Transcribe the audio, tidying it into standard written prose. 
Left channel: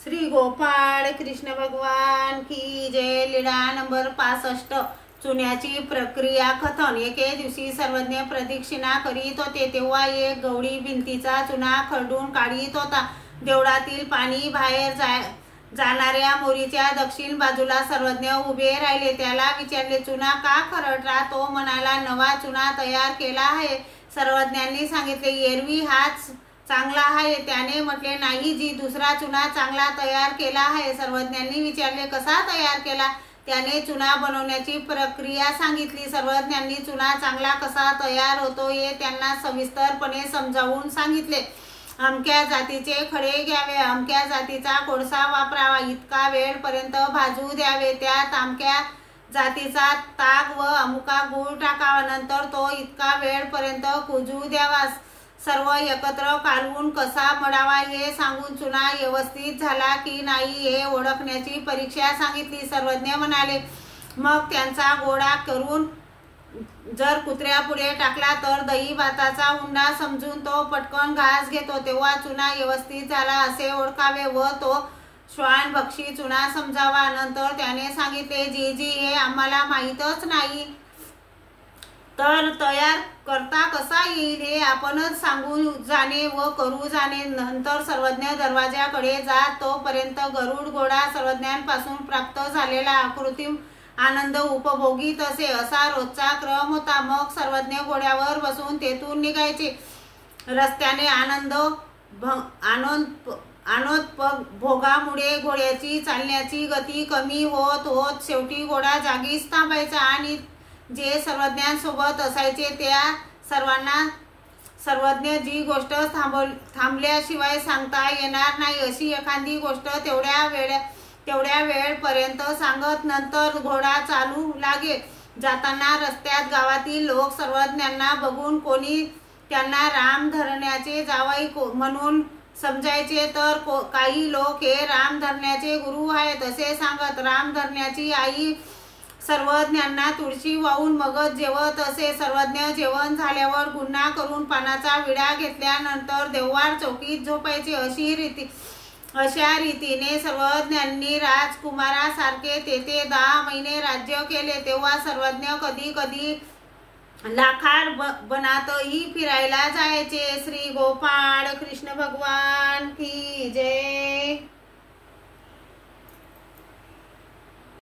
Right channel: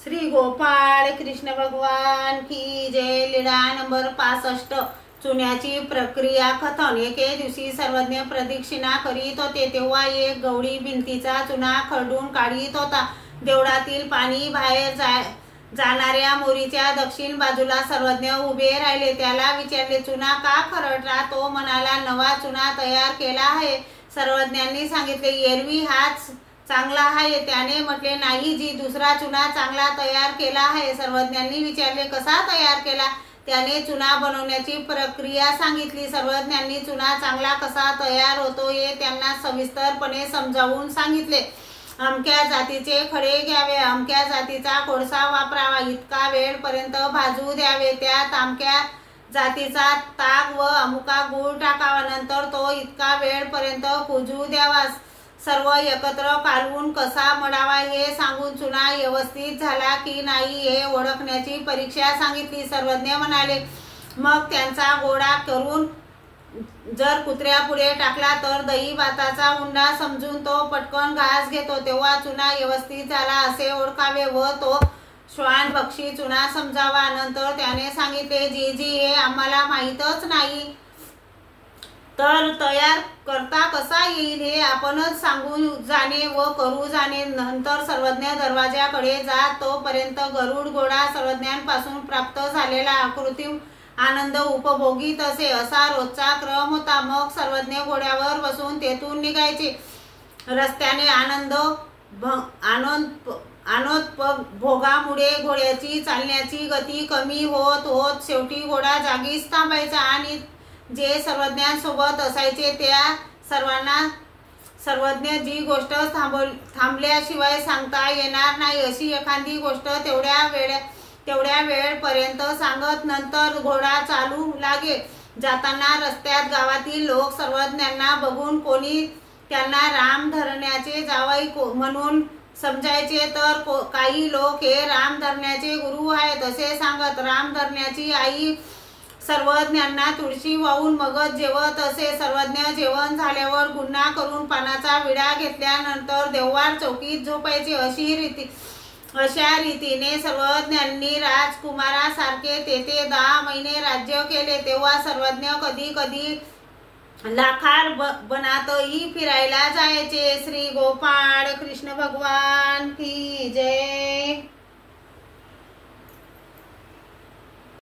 श्री गोपाळ कृष्ण भगवान की जय। लीला नंबर 65। चुन्याची प्रक्रिया कथन। एके दिवशी सर्वज्ञ प्रदक्षिणा करीत होते तेव्हा एक गवळी भिंतीचा चुना खरडून काढीत होता। देवळातील पाणी बाहेर जाणाऱ्या मोरीच्या दक्षिण बाजूला सर्वज्ञ उभे राहिले। त्याला विचारले, चुना का खरडला? तो म्हणाला, नवा चुना तयार केला आहे। सर्वज्ञांनी सांगितले, एरवी हाच चांगला आहे। त्याने म्हटले, नाही जी, दुसरा चुना चांगला तयार केला आहे। सर्वज्ञांनी विचारले, कसा तयार केला? त्याने चुना बनवण्याची प्रक्रिया सांगितली। सर्वज्ञांनी चुना चांगला कसा तयार होतो हे त्यांना सविस्तरपणे समजावून सांगितले। अमक्या जातीचे खडे घ्यावे, अमक्या जातीचा कोळसा वापरावा, इतका वेळपर्यंत भाजू द्यावे, त्यात अमक्या जातीचा ताक व अमुका गूळ टाकावा, नंतर तो इतका वेळपर्यंत कुजू द्यावा। सर्व एकत्र कालवून कसा मळावा हे सांगून चुना व्यवस्थित झाला की नाही हे ओळखण्याची परीक्षा सांगितली। सर्वज्ञ म्हणाले, मग त्यांचा गोळा करून जर कुत्र्यापुढे टाकला तर दही भाताचा उंडा समजून तो पटकन घास घेतो, तेव्हा चुना व्यवस्थित झाला असे ओळखावे व तो श्वान पक्षी चुना समजावा। नंतर त्याने सांगितले, जी हे आम्हाला माहीतच नाही, तर तयार करता कसा येईल हे आपणच सांगून जाणे व करू जाणे। नंतर सर्वज्ञ दरवाजाकडे जात तोपर्यंत गरुड घोडा सर्वज्ञांपासून प्राप्त झालेला आकृती आनंद उपभोगीत असे। असा रोजचा क्रम होता। मग सर्वज्ञ घोड्यावर बसून तेथून निघायचे। रस्त्याने भोगामुळे घोड्याची चालण्याची गती कमी होत होत शेवटी घोडा जागीच थांबायचा आणि जे सर्वज्ञांसोबत असायचे त्या सर्वांना सर्वज्ञ जी गोष्ट थांबल्याशिवाय सांगता येणार नाही अशी एखादी गोष्ट तेवढ्या वेळपर्यंत सांगत नंतर घोडा चालू लागे। जाताना रस्त्यात गावातील लोक सर्वज्ञांना बघून कोणी त्यांना राम धरण्याचे जावई म्हणून समजायचे, तर काही लोक हे राम धरण्याचे गुरु आहेत असे सांगत। राम धरण्याची आई सर्वज्ञांना तुळशी वाहून मगच जेवत असे। सर्वज्ञ जेवण झाल्यावर गुन्हा करून पानाचा विडा घेतल्यानंतर देववाड चौकीत झोपायचे। अशा रीतीने सर्वज्ञांनी राजकुमारासारखे तेथे 10 महिने राज्य केले। तेव्हा सर्वज्ञ कधी कधी लाखार बनातही फिरायला जायचे। श्री गोपाळ कृष्ण भगवान की जय।